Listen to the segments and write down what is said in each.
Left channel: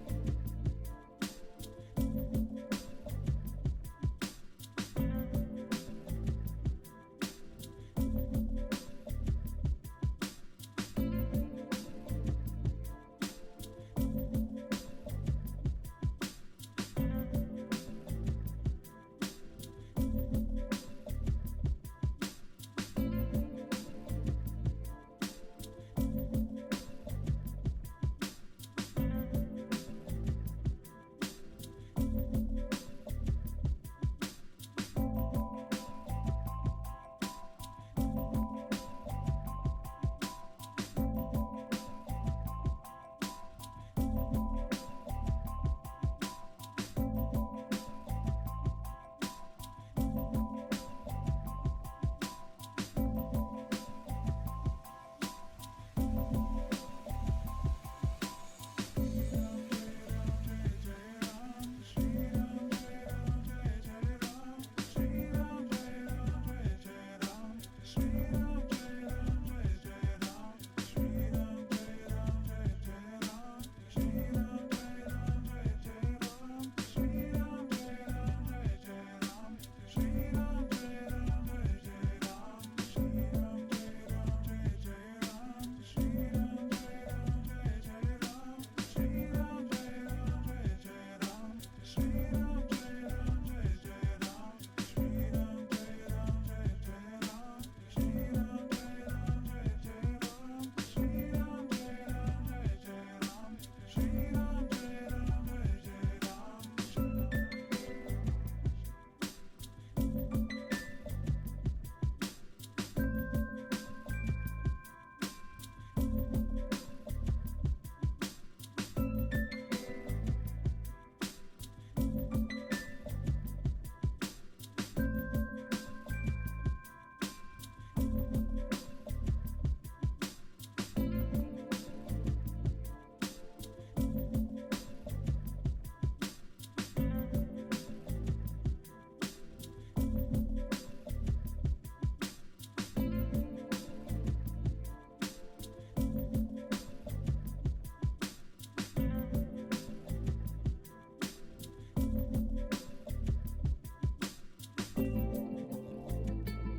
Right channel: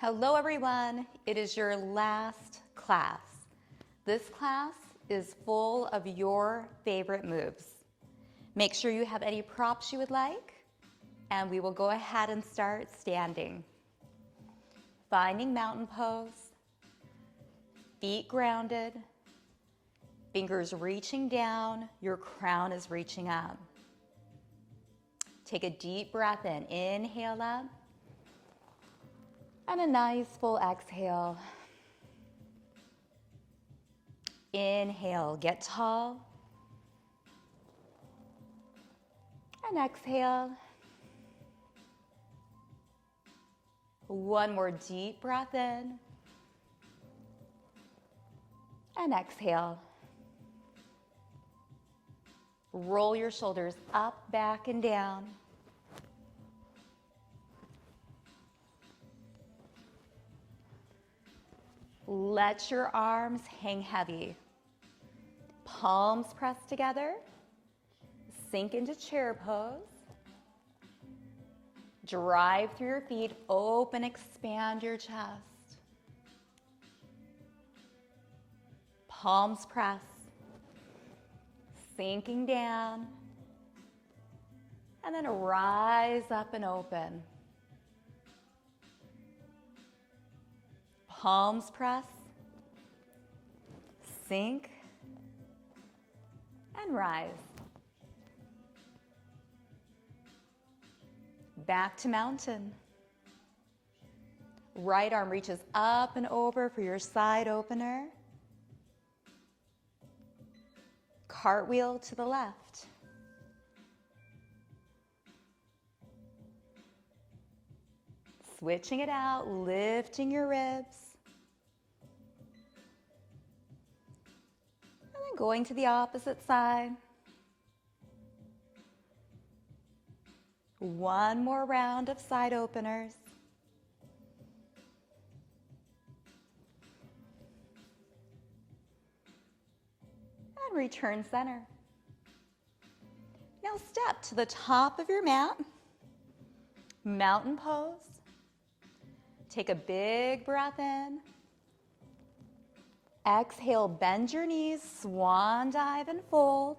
Hello everyone, it is your last class. This class is full of your favorite moves. Make sure you have any props you would like, and we will go ahead and start standing. Finding mountain pose, feet grounded, fingers reaching down, your crown is reaching up. Take a deep breath in, inhale up, and a nice full exhale. Inhale, get tall, and exhale. One more deep breath in, and exhale. Roll your shoulders up, back, and down. Let your arms hang heavy. Palms pressed together. Sink into chair pose. Drive through your feet. Open, expand your chest. Palms pressed. Sinking down. And then rise up and open. Palms press, sink, and rise. Back to mountain. Right arm reaches up and over for your side opener. Cartwheel to the left. Switching it out, lifting your ribs. Going to the opposite side. One more round of side openers. And return center. Now step to the top of your mat. Mountain pose. Take a big breath in. Exhale, bend your knees, swan dive and fold.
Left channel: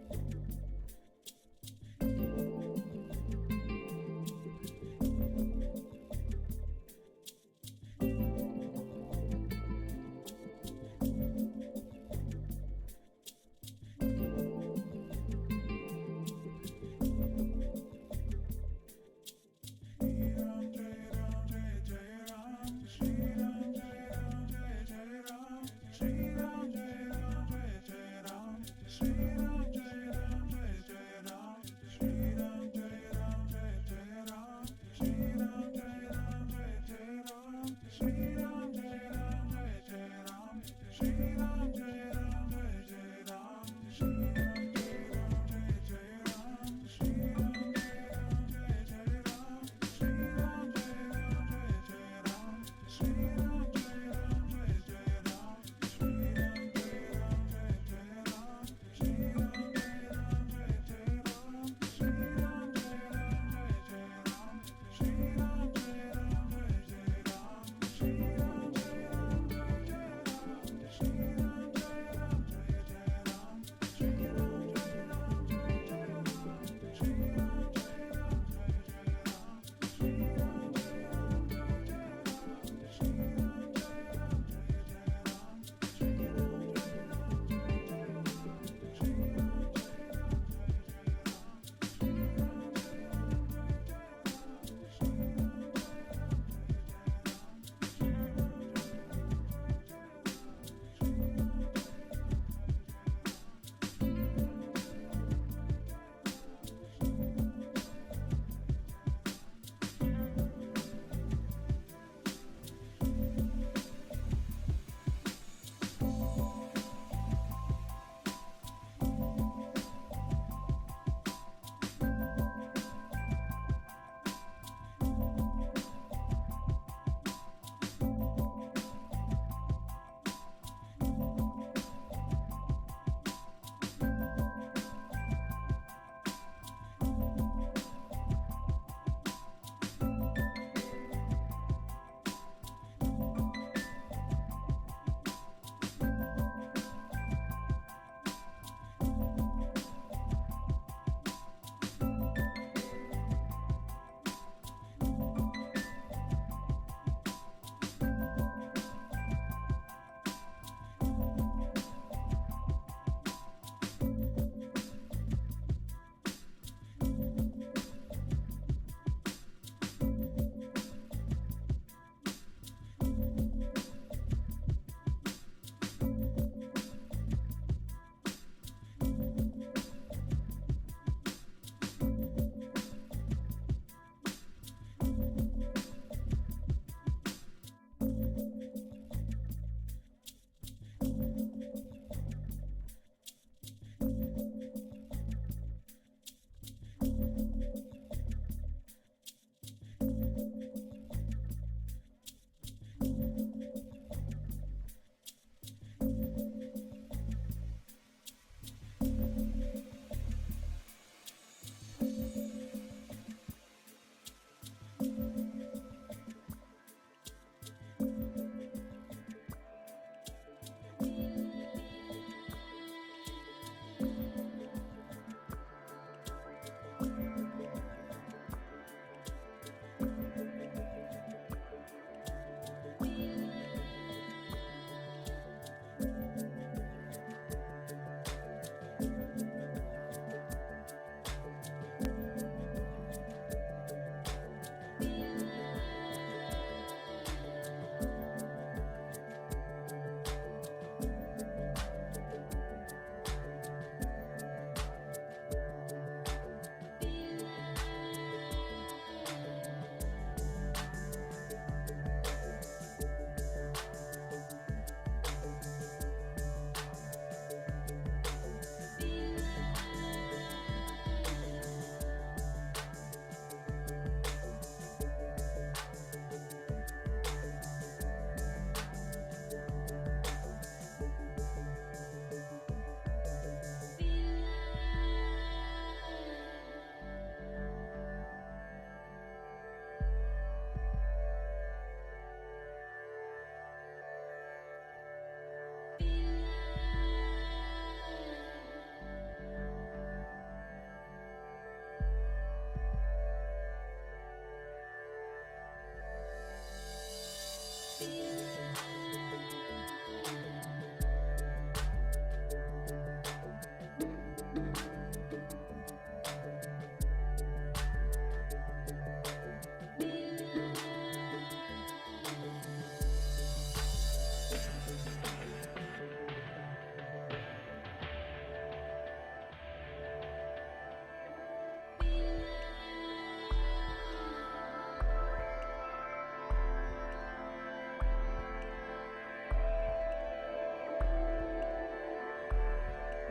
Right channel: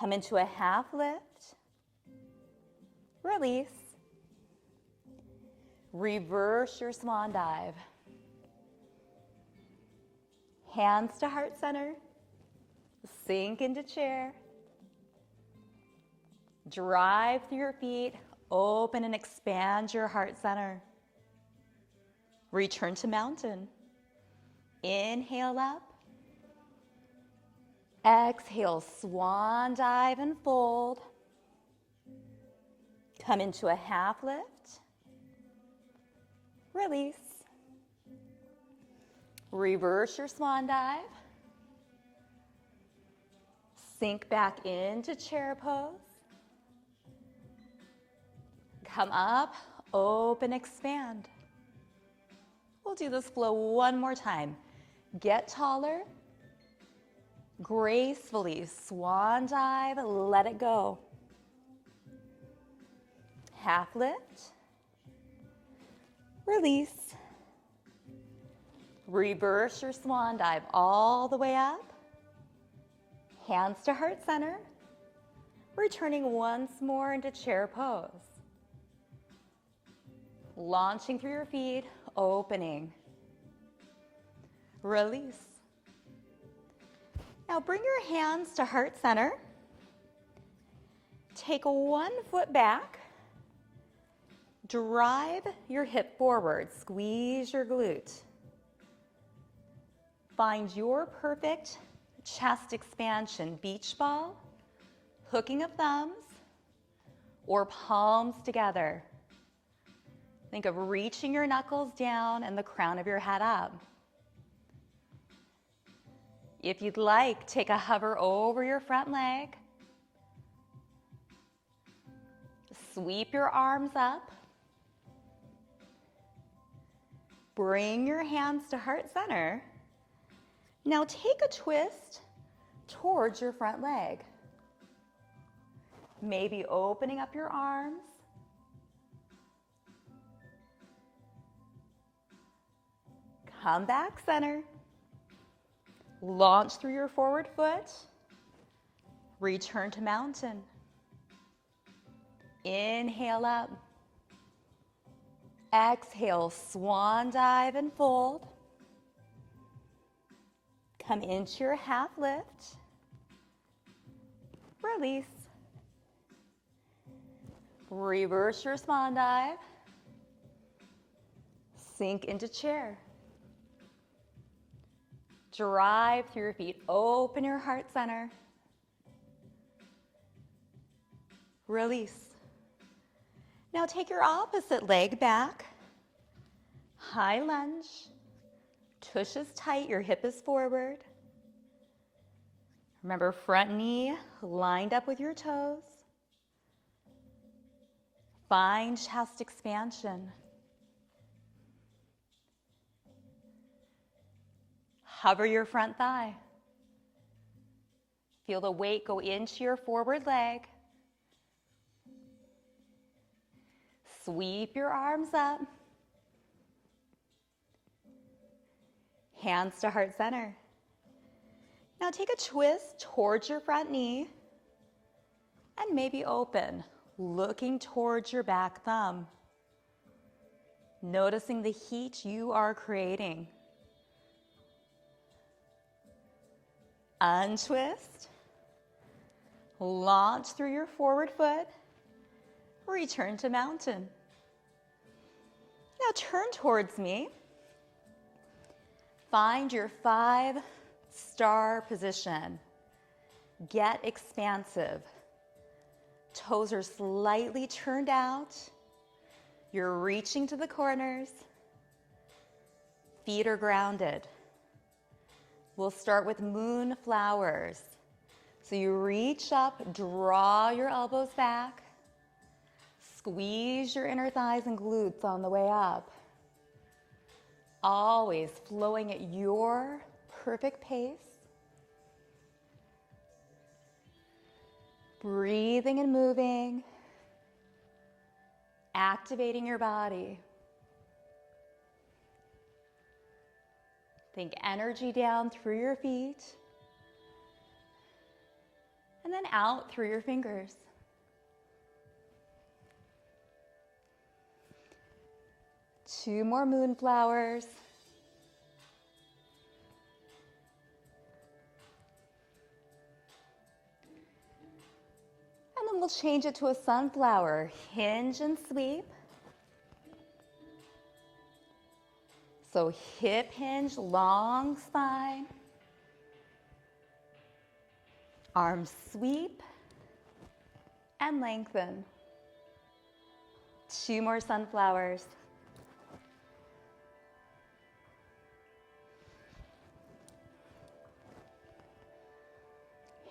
Come into a half lift. Release. Reverse your swan dive. Hands to heart center. Sink into chair. Drive through your feet. Open and expand your heart center. Return to mountain. Inhale up. Exhale, swan dive and fold. Come into a half lift. Release. Reverse your swan dive. Sink back into chair pose. Come up, open, expand. We'll do this flow one more time. Get taller. Gracefully swan dive, let it go. Half lift. Release. Reverse your swan dive all the way up. Hands to heart center. Returning once more into chair pose. Launching through your feet, opening. Release. Now bring your hands to heart center. Take one foot back. Drive your hip forward. Squeeze your glute. Find your perfect chest expansion. Beach ball, hooking of thumbs, or palms together. Think of reaching your knuckles down and the crown of your head up. If you'd like, take a hover over your front leg. Sweep your arms up. Bring your hands to heart center. Now take a twist towards your front leg. Maybe opening up your arms. Come back center. Launch through your forward foot. Return to mountain. Inhale up. Exhale, swan dive and fold. Come into your half lift. Release. Reverse your swan dive. Sink into chair. Drive through your feet. Open your heart center. Release. Now take your opposite leg back. High lunge. Tush is tight, your hip is forward. Remember, front knee lined up with your toes. Find chest expansion. Hover your front thigh. Feel the weight go into your forward leg. Sweep your arms up. Hands to heart center. Now take a twist towards your front knee and maybe open, looking towards your back thumb. Noticing the heat you are creating. Untwist. Launch through your forward foot. Return to mountain. Now turn towards me. Find your 5-star position. Get expansive. Toes are slightly turned out. You're reaching to the corners. Feet are grounded. We'll start with moonflowers. So you reach up, draw your elbows back. Squeeze your inner thighs and glutes on the way up. Always flowing at your perfect pace. Breathing and moving. Activating your body. Think energy down through your feet. And then out through your fingers. Two more moonflowers. And then we'll change it to a sunflower. Hinge and sweep. So hip hinge, long spine. Arms sweep and lengthen. Two more sunflowers.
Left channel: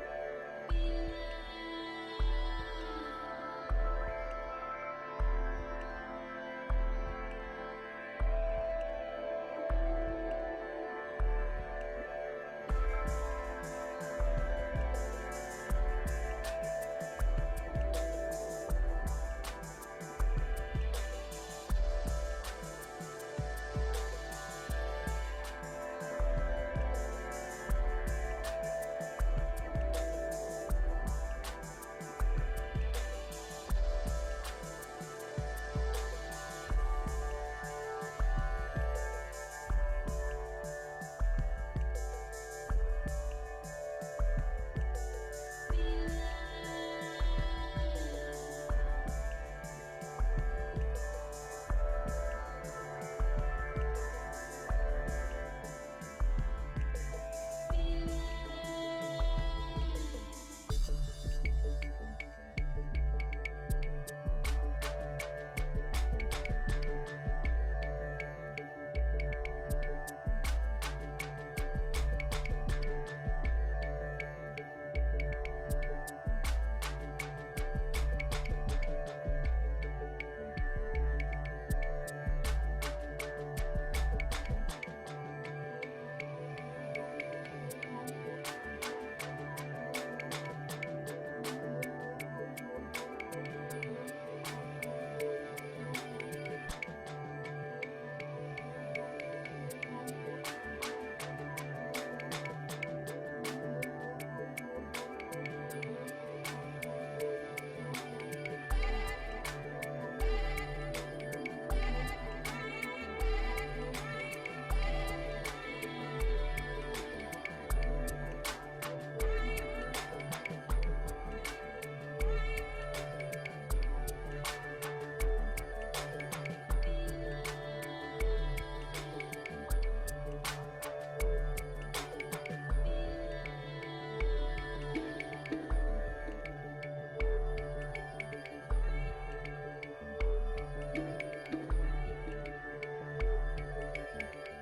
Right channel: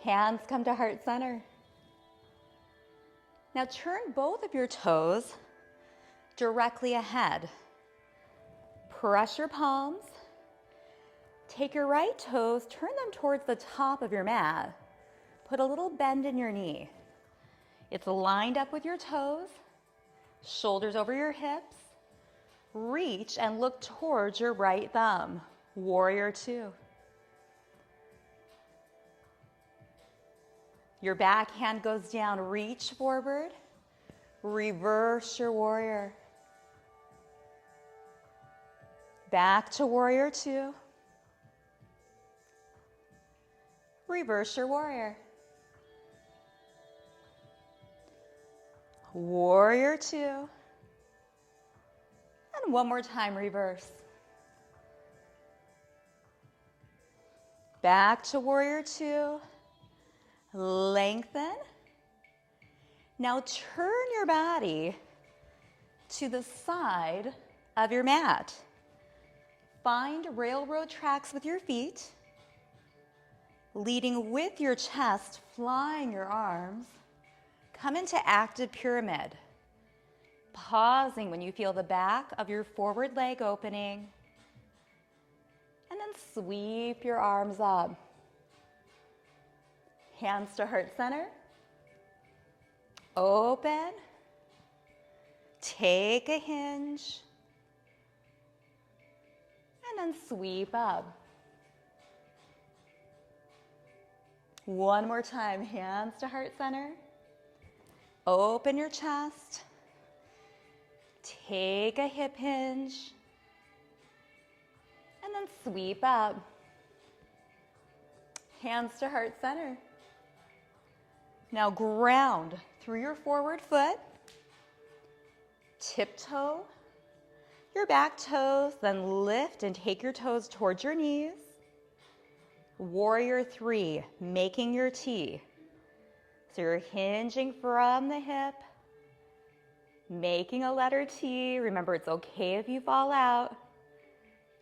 Hands come to heart center. Now turn both of your toes directly ahead. Press your palms. Take your right toes, turn them towards the top of your mat. Put a little bend in your knee. It's lined up with your toes. Shoulders over your hips. Reach and look towards your right thumb. Warrior two. Your back hand goes down, reach forward. Reverse your warrior. Back to warrior two. Reverse your warrior. Warrior two. And one more time, reverse. Back to warrior two. Lengthen. Now turn your body to the side of your mat. Find railroad tracks with your feet, leading with your chest, flying your arms. Come into active pyramid. Pausing when you feel the back of your forward leg opening. And then sweep your arms up. Hands to heart center. Open. Take a hinge. And then then sweep up. One more time, hands to heart center. Open your chest. Take a hip hinge. And then sweep up. Hands to heart center. Now ground through your forward foot. Tiptoe your back toes, then lift and take your toes towards your knees. Warrior 3, making your T. So you're hinging from the hip, making a letter T. Remember, it's okay if you fall out.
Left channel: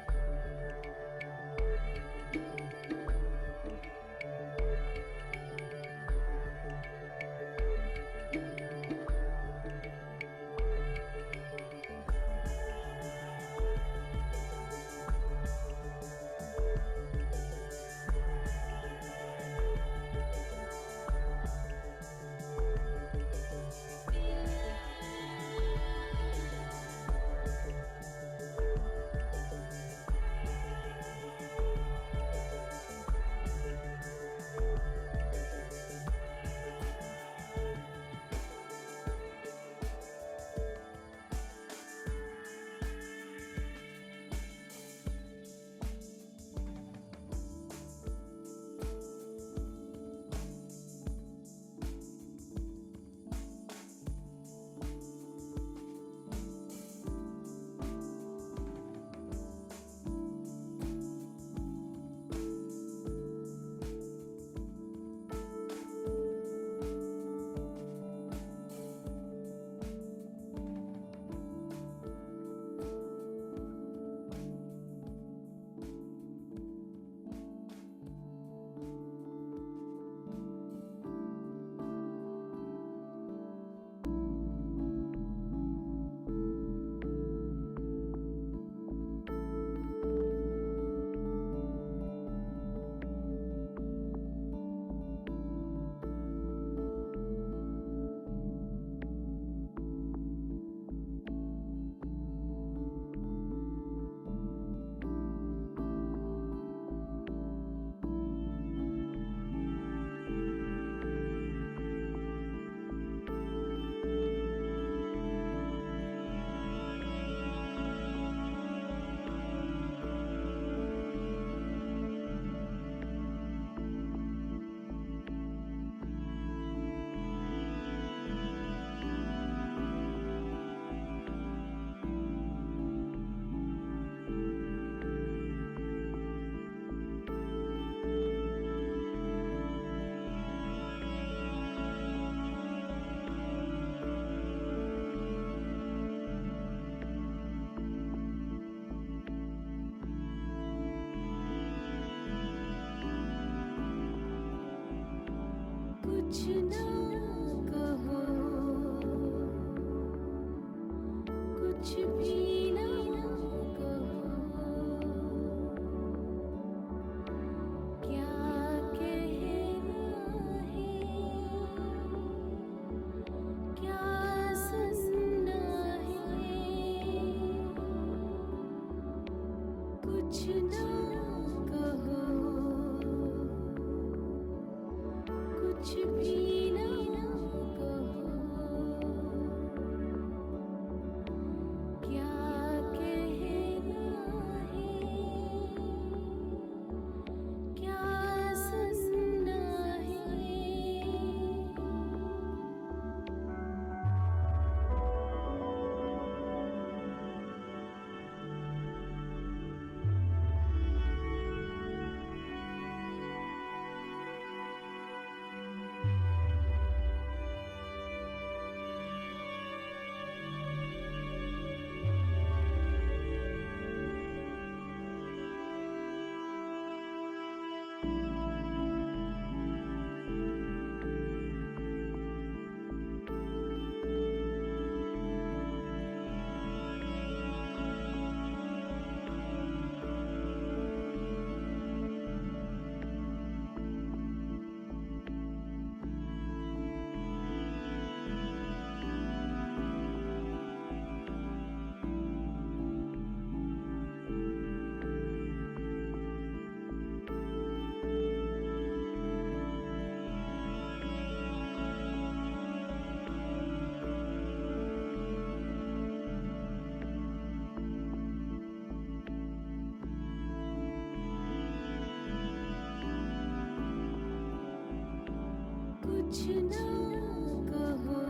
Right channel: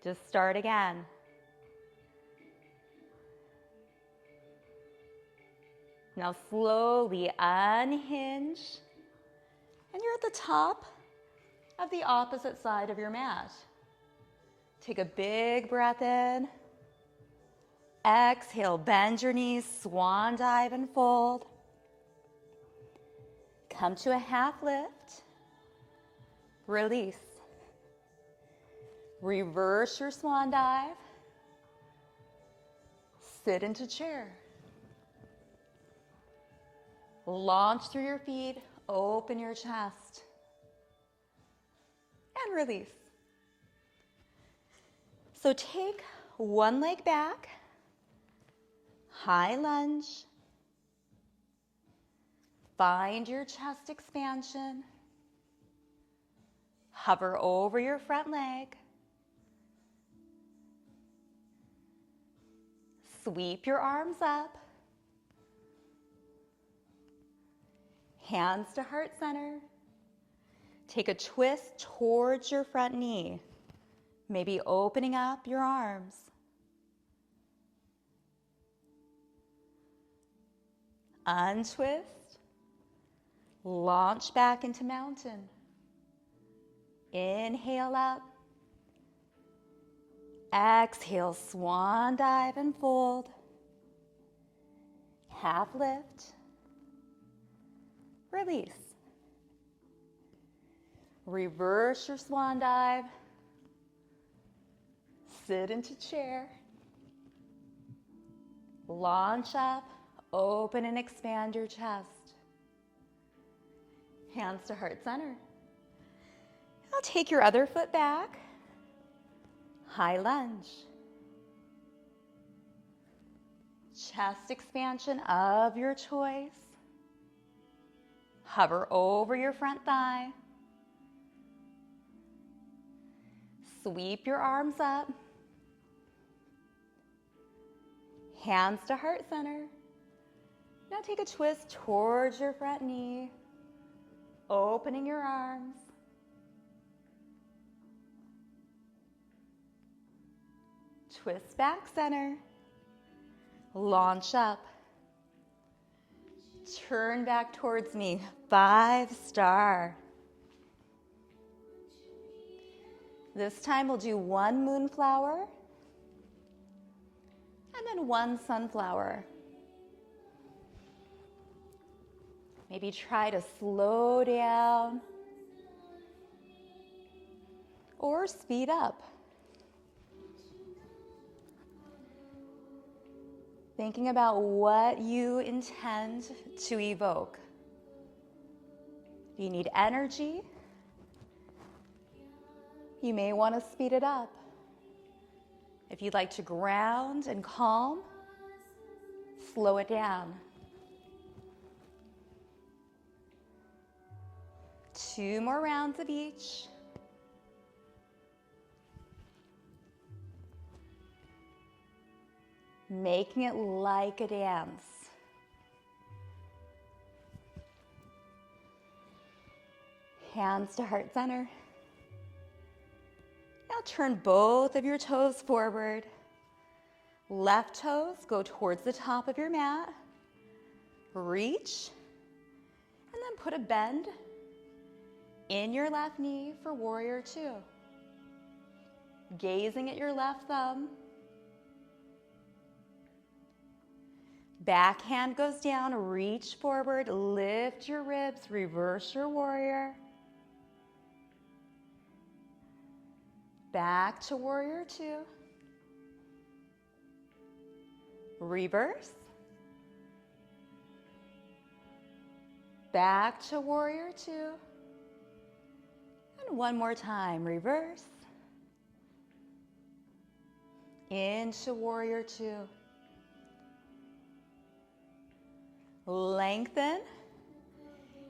Just start again. Now slowly unhinge, and you're at the top of the opposite side of your mat. Take a big breath in. Exhale, bend your knees, swan dive and fold. Come to a half lift. Release. Reverse your swan dive. Sit into chair. Launch through your feet, open your chest. And release. So take one leg back, high lunge. Find your chest expansion. Hover over your front leg. Sweep your arms up. Hands to heart center. Take a twist towards your front knee, maybe opening up your arms. Untwist. Launch back into mountain. Inhale up. Exhale, swan dive and fold. Half lift. Release. Reverse your swan dive. Sit into chair. Launch up, open and expand your chest. Hands to heart center. Now take your other foot back. High lunge. Chest expansion of your choice. Hover over your front thigh. Sweep your arms up. Hands to heart center. Now take a twist towards your front knee. Opening your arms. Twist back center. Launch up. Turn back towards me. 5-star. This time we'll do one moonflower and then one sunflower. Maybe try to slow down or speed up. Thinking about what you intend to evoke. You need energy. You may want to speed it up. If you'd like to ground and calm, slow it down. 2 more rounds of each. Making it like a dance. Hands to heart center. Now turn both of your toes forward. Left toes go towards the top of your mat. Reach. And then put a bend in your left knee for warrior 2. Gazing at your left thumb. Back hand goes down, reach forward, lift your ribs, reverse your warrior. Back to warrior 2. Reverse. Back to warrior two. And one more time, reverse. Into warrior two. Lengthen.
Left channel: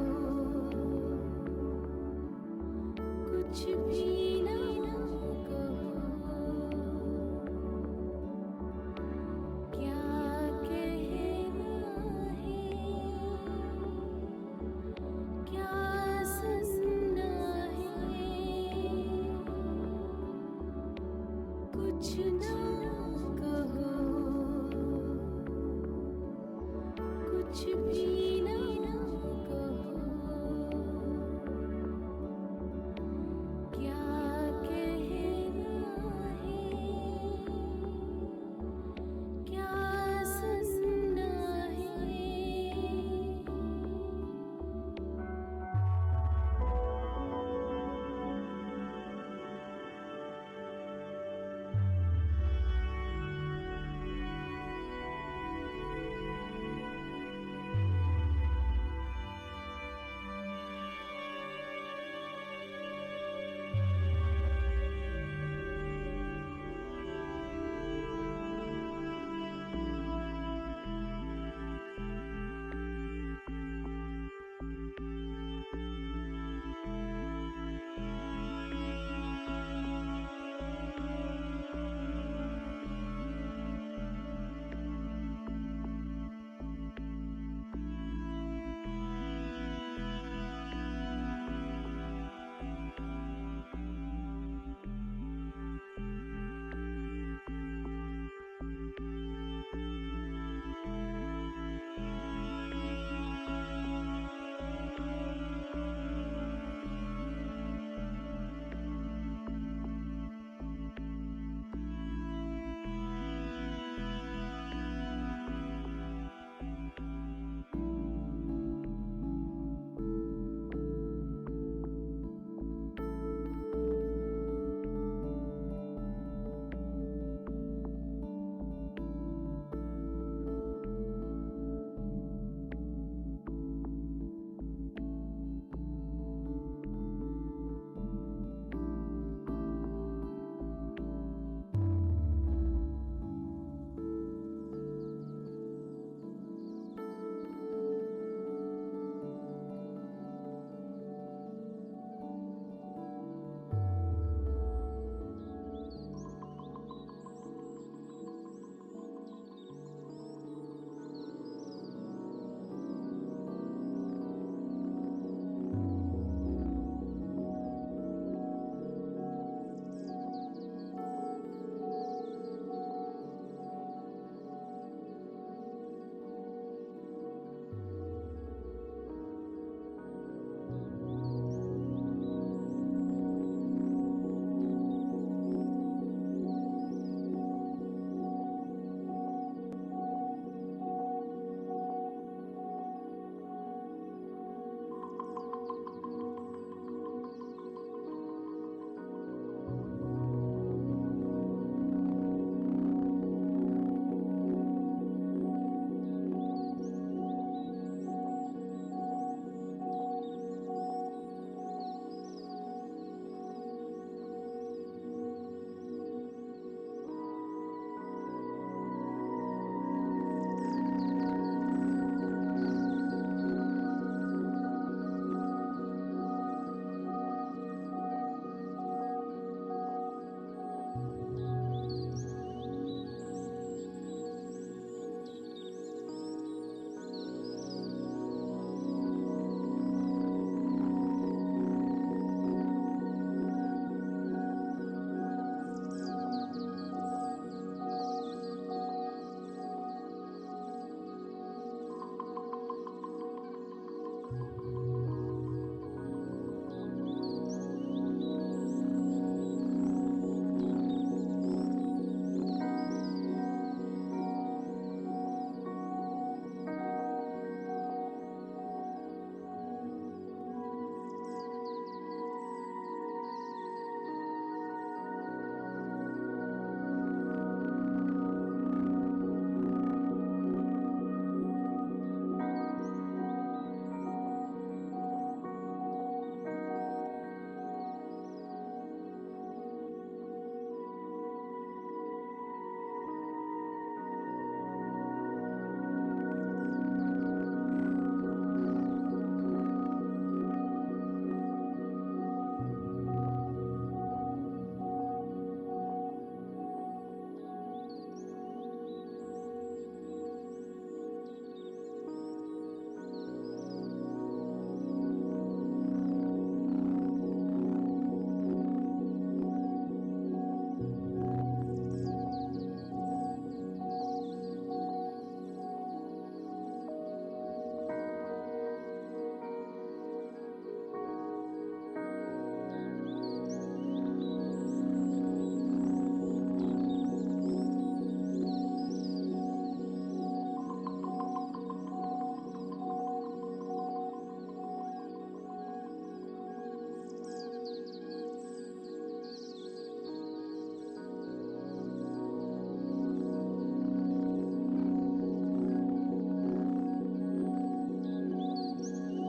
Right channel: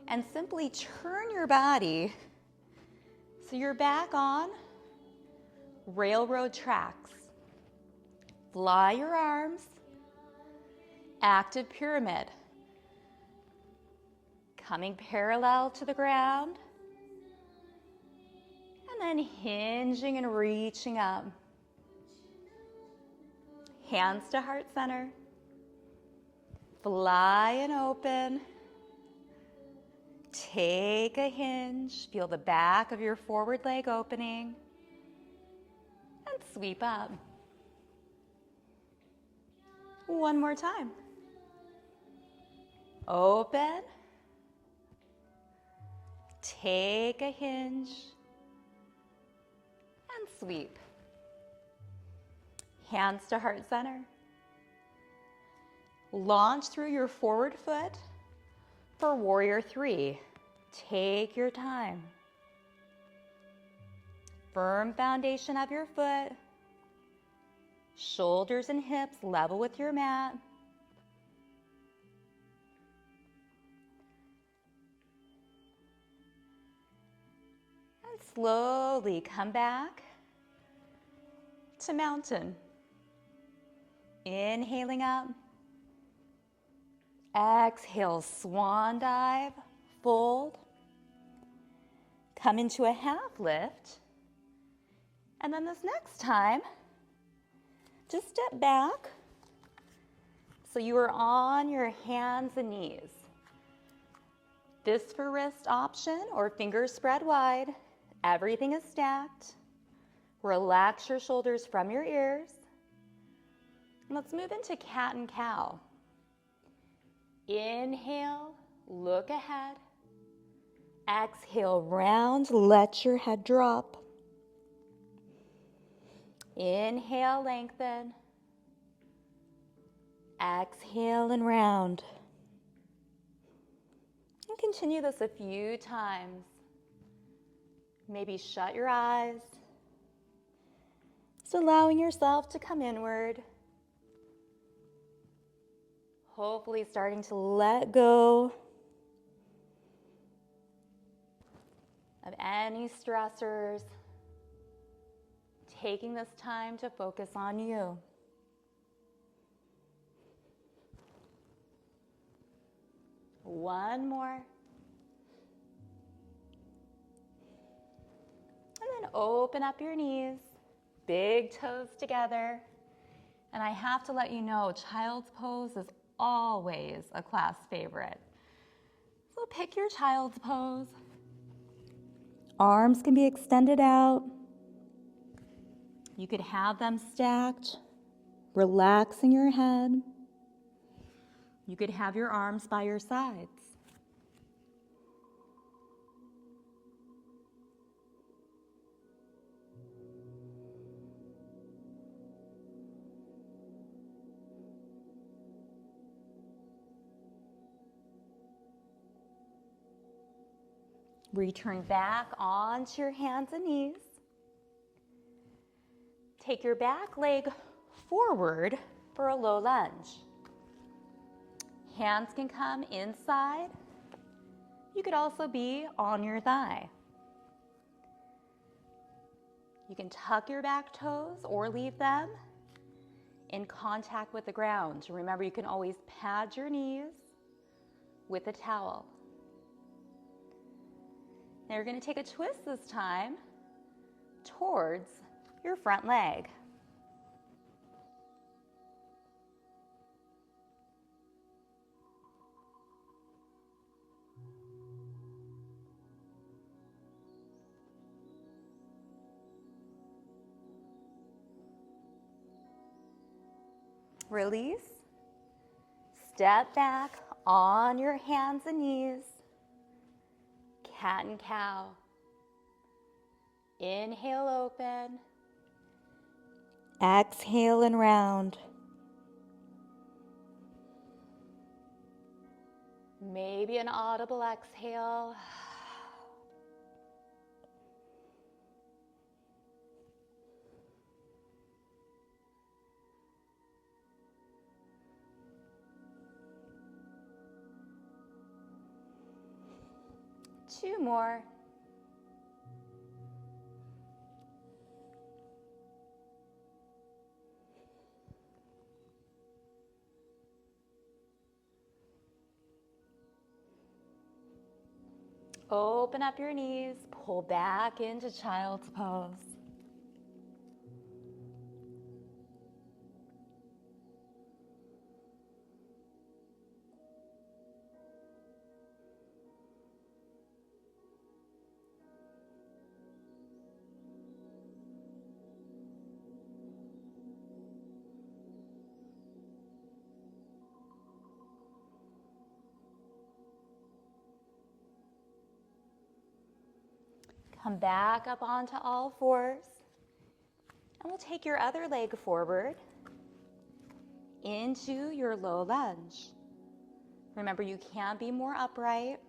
And simply turn your body so you're back on railroad tracks. Fly your arms. Active pyramid. Coming parallel to the ground. And then hinging and reaching up. Hands to heart center. Fly and open. Take a hinge. Feel the back of your forward leg opening. And sweep up. One more time. Open. Take a hinge. And sweep. Hands to heart center. Launch through your forward foot for warrior three. Take your time. Firm foundation of your foot. Shoulders and hips level with your mat. And slowly come back to mountain. Inhaling up. Exhale, swan dive, fold. Come into a half lift. And then this next time, just step back so you are on your hands and knees. Fist for wrist option or fingers spread wide. Everything is stacked. Relax your shoulders from your ears. Let's move into cat and cow. Inhale, look ahead. Exhale, round, let your head drop. Inhale, lengthen. Exhale and round. And continue this a few times. Maybe shut your eyes. Just allowing yourself to come inward. Hopefully starting to let go of any stressors. Taking this time to focus on you. One more. And then open up your knees. Big toes together. And I have to let you know, child's pose is always a class favorite. So pick your child's pose. Arms can be extended out. You can have them stacked, relaxing your head. You could have your arms by your sides. Return back onto your hands and knees. Take your back leg forward for a low lunge. Hands can come inside. You could also be on your thigh. You can tuck your back toes or leave them in contact with the ground. Remember, you can always pad your knees with a towel. Now you're going to take a twist this time towards your front leg. Release. Step back on your hands and knees. Cat and cow. Inhale, open. Exhale and round. double exhale. Two more. Open up your knees, pull back into child's pose. Come back up onto all fours. And we'll take your other leg forward into your low lunge. Remember, you can be more upright.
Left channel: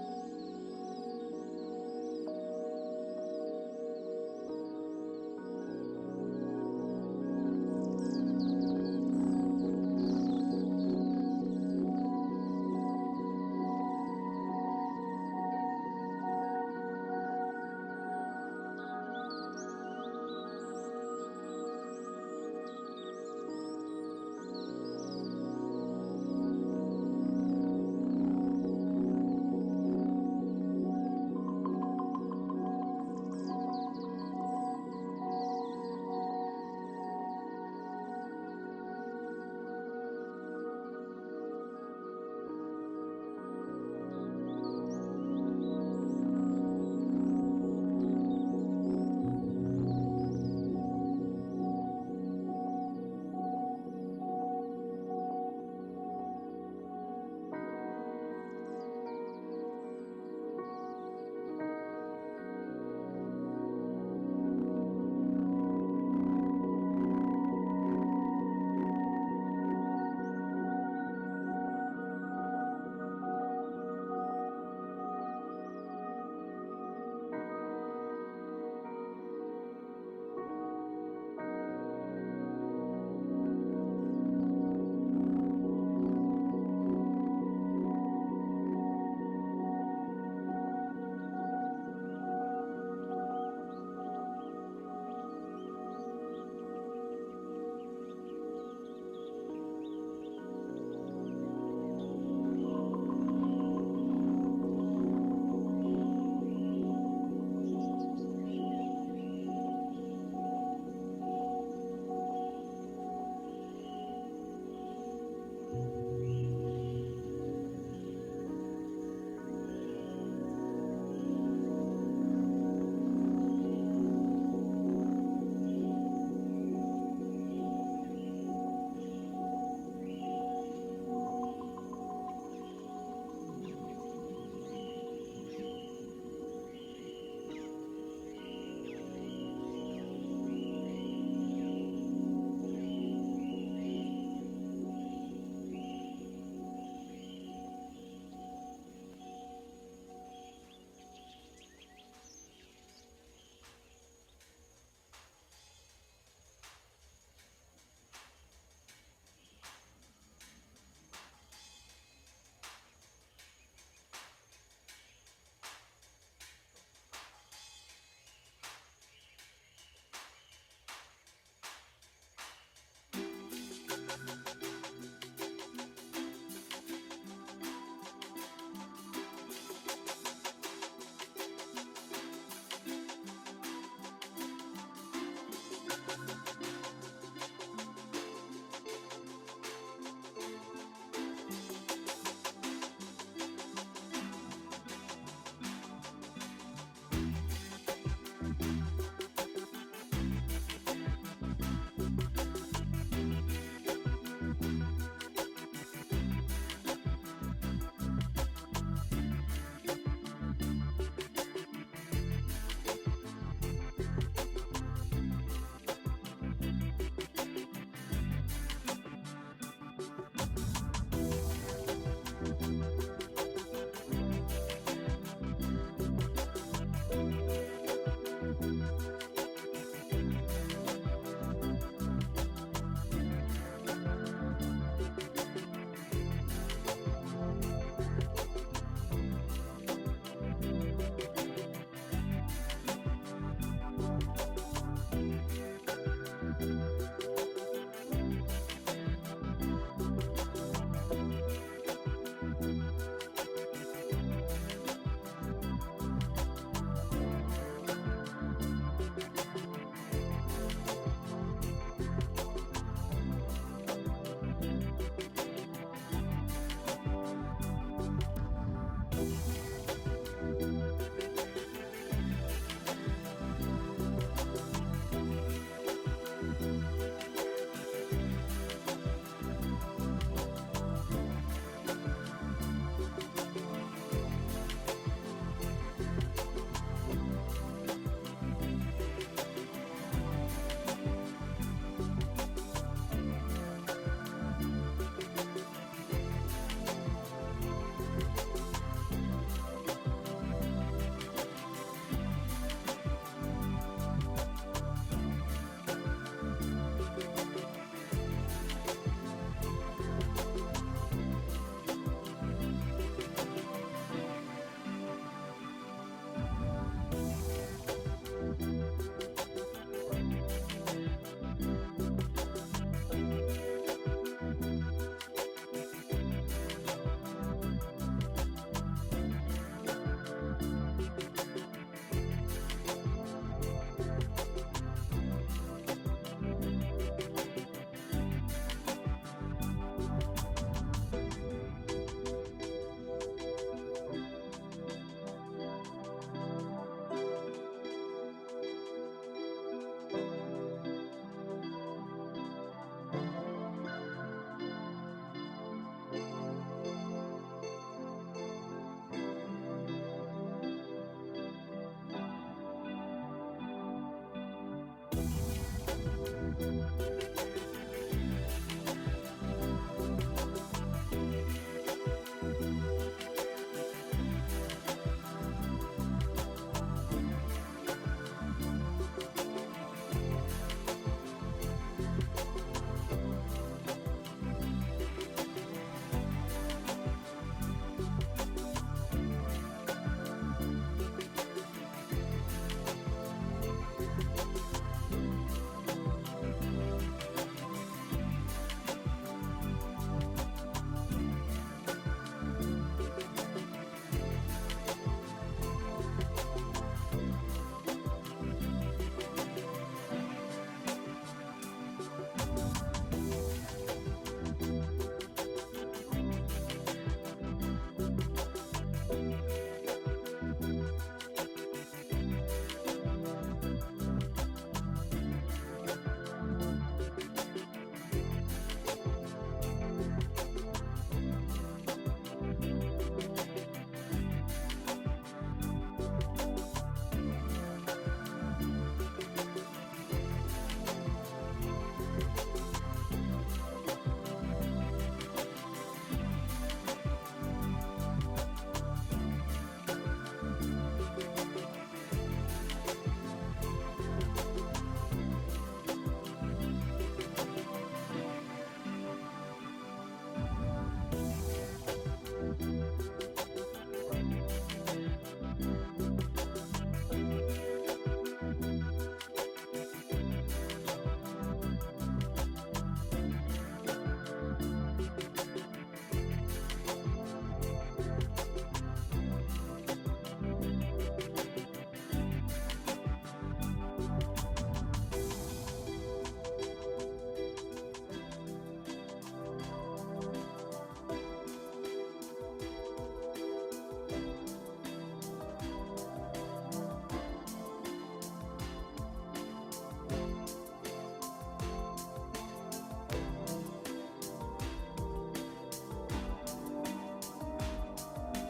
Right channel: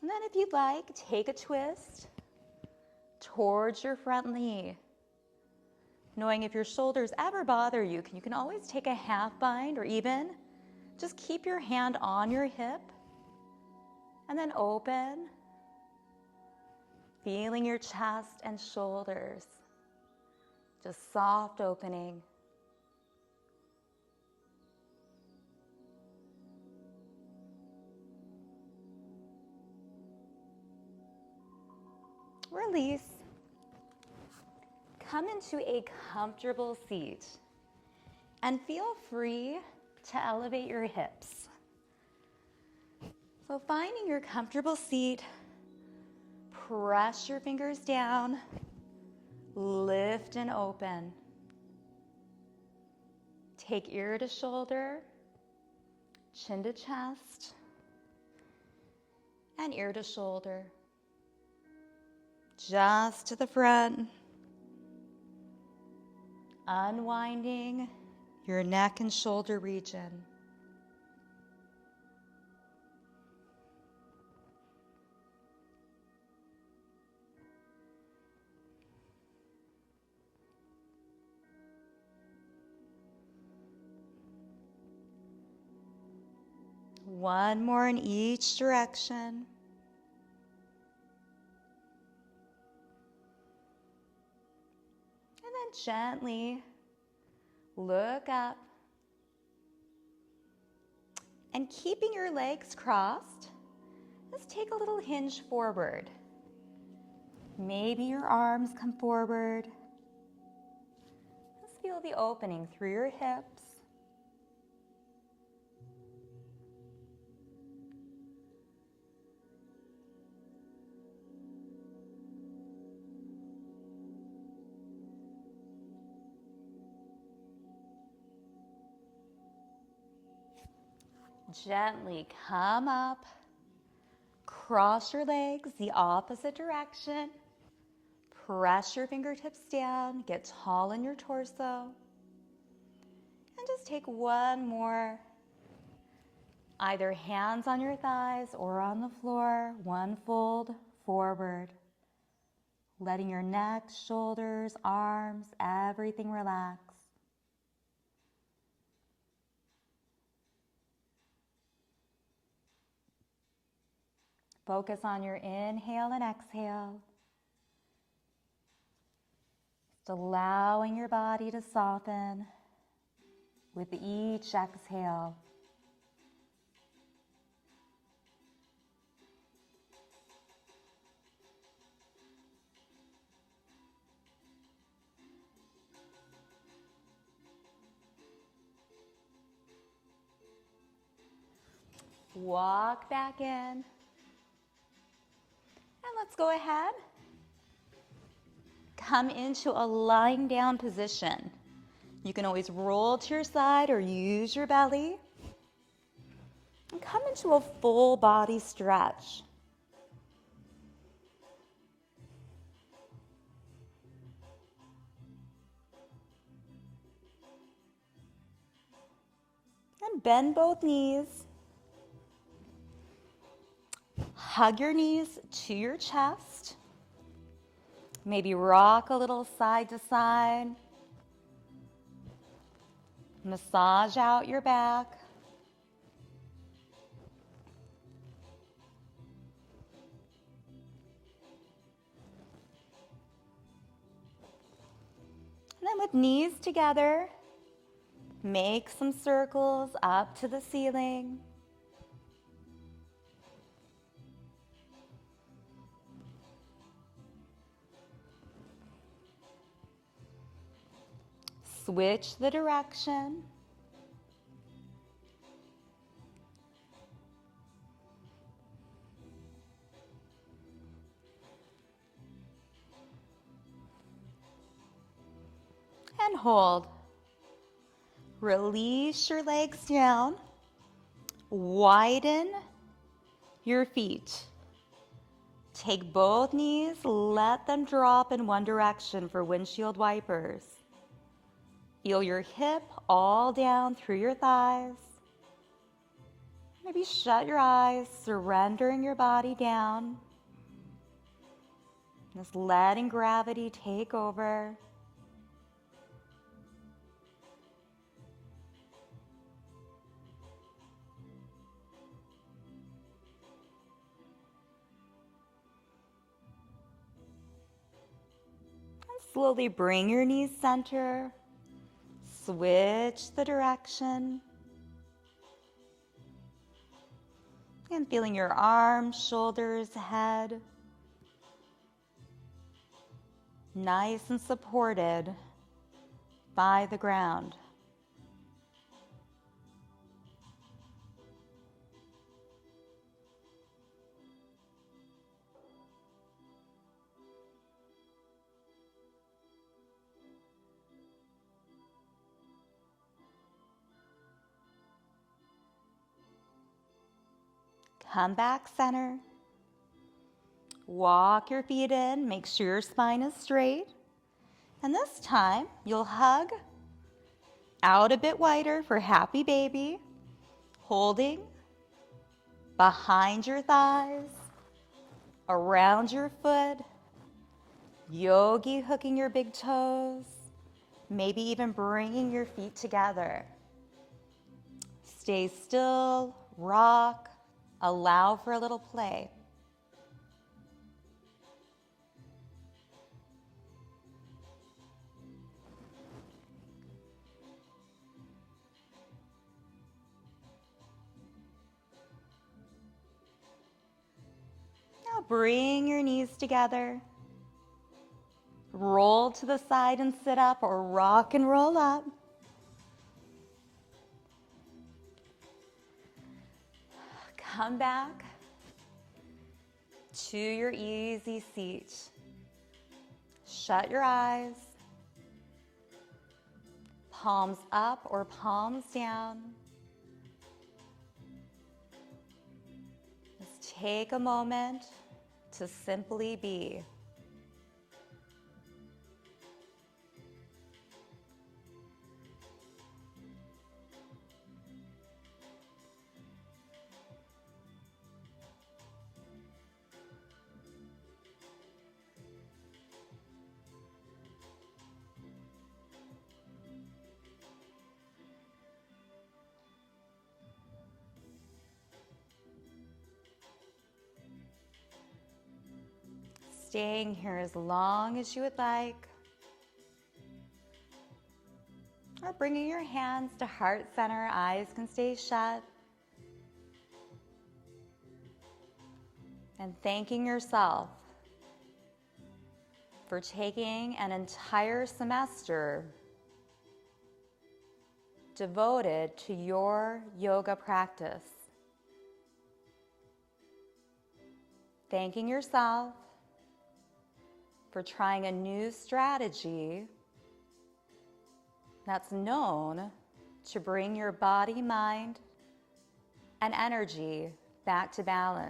And then if you'd like, take a twist towards your front knee. Knowing if your shoulders ever bother you, you can always take a half bind or even just keep your hand on your hip. And then open, feeling your chest and shoulders, just soft opening. Release. Come into a comfortable seat and feel free to elevate your hips. So finding your comfortable seat, press your fingers down, lift and open. Take ear to shoulder, chin to chest, and ear to shoulder. Just to the front, unwinding your neck and shoulder region. One more in each direction. And then gently look up. And keeping your legs crossed, just take a little hinge forward. Maybe your arms come forward. Just feel the opening through your hips. Gently come up, cross your legs the opposite direction, press your fingertips down, get tall in your torso, and just take one more, either hands on your thighs or on the floor, one fold forward, letting your neck, shoulders, arms, everything relax. Focus on your inhale and exhale. Just allowing your body to soften with each exhale. Walk back in. Go ahead. Come into a lying down position. You can always roll to your side or use your belly. And come into a full body stretch. Bend both knees. Hug your knees to your chest. Maybe rock a little side to side. Massage out your back. Then with knees together, make some circles up to the ceiling. Switch the direction. And hold. Release your legs down. Widen your feet. Take both knees, let them drop in one direction for windshield wipers. Feel your hip all down through your thighs. Maybe shut your eyes, surrendering your body down. Just letting gravity take over. Slowly bring your knees center. Switch the direction. And feeling your arms, shoulders, head nice and supported by the ground. Come back center. Walk your feet in, make sure your spine is straight. And this time, you'll hug out a bit wider for happy baby, holding behind your thighs, around your foot, yogi hooking your big toes, maybe even bringing your feet together. Stay still, rock, allow for a little play. Now bring your knees together. Roll to the side and sit up, or rock and roll up. Come back to your easy seat. Shut your eyes. Palms up or palms down. Take a moment to simply be. Long as you would like. Or bringing your hands to heart center, eyes can stay shut. And thanking yourself for taking an entire semester devoted to your yoga practice. Thanking yourself for trying a new strategy that's known to bring your body, mind, and energy back to balance.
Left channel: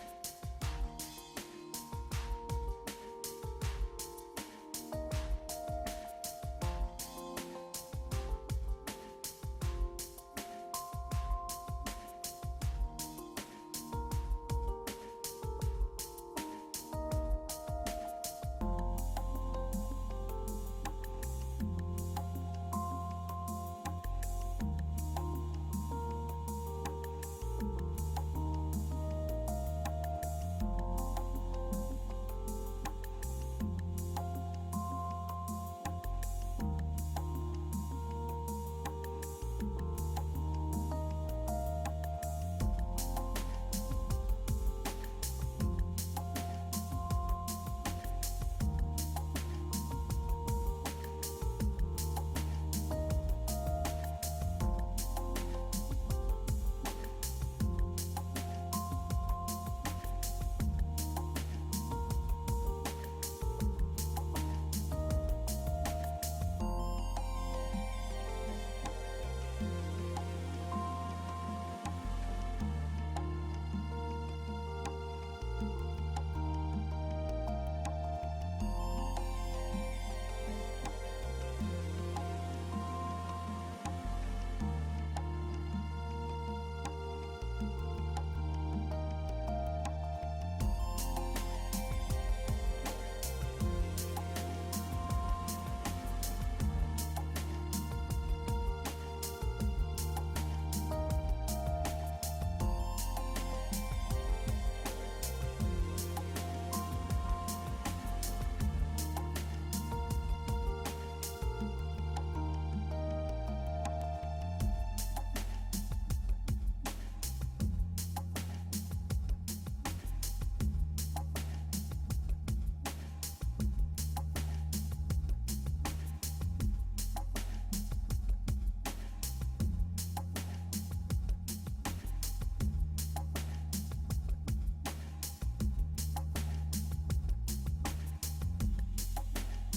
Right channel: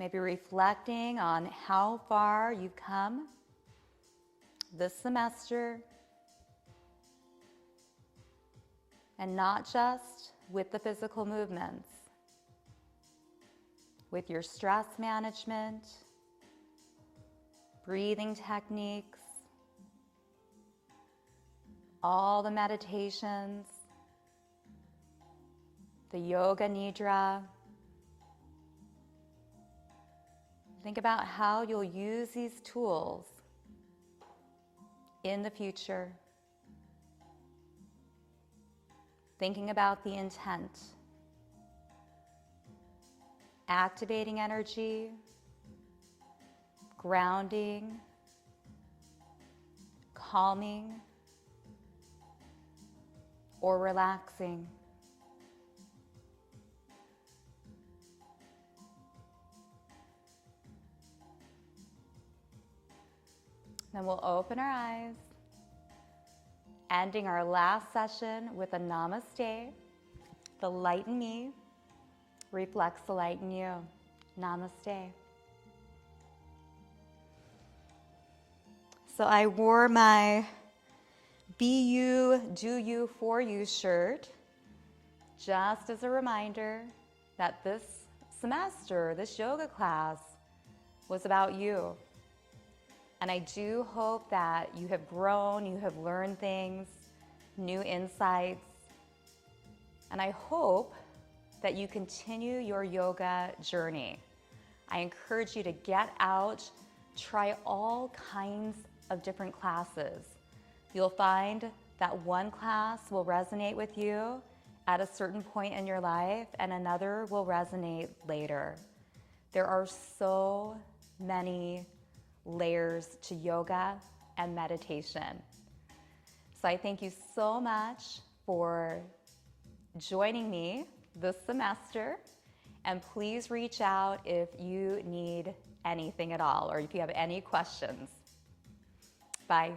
Maybe reflecting on how far you've come, this semester, and not just with the physical movements, with your stress management, breathing techniques, all the meditations, the yoga nidra. Think about how you'll use these tools in the future. Thinking about the intent, activating energy, grounding, calming, or relaxing. Then we'll open our eyes, ending our last session with a namaste. The light in me reflects the light in you. Namaste. So I wore my Be You, Do You, For You shirt just as a reminder that this semester, this yoga class was about you. And I do hope that you have grown, you have learned things, new insights. And I hope that you continue your yoga journey. I encourage you to get out, try all kinds of different classes. You'll find that one class will resonate with you at a certain point in your life and another will resonate later. There are so many layers to yoga and meditation. So I thank you so much for joining me this semester, and please reach out if you need anything at all or if you have any questions. Bye.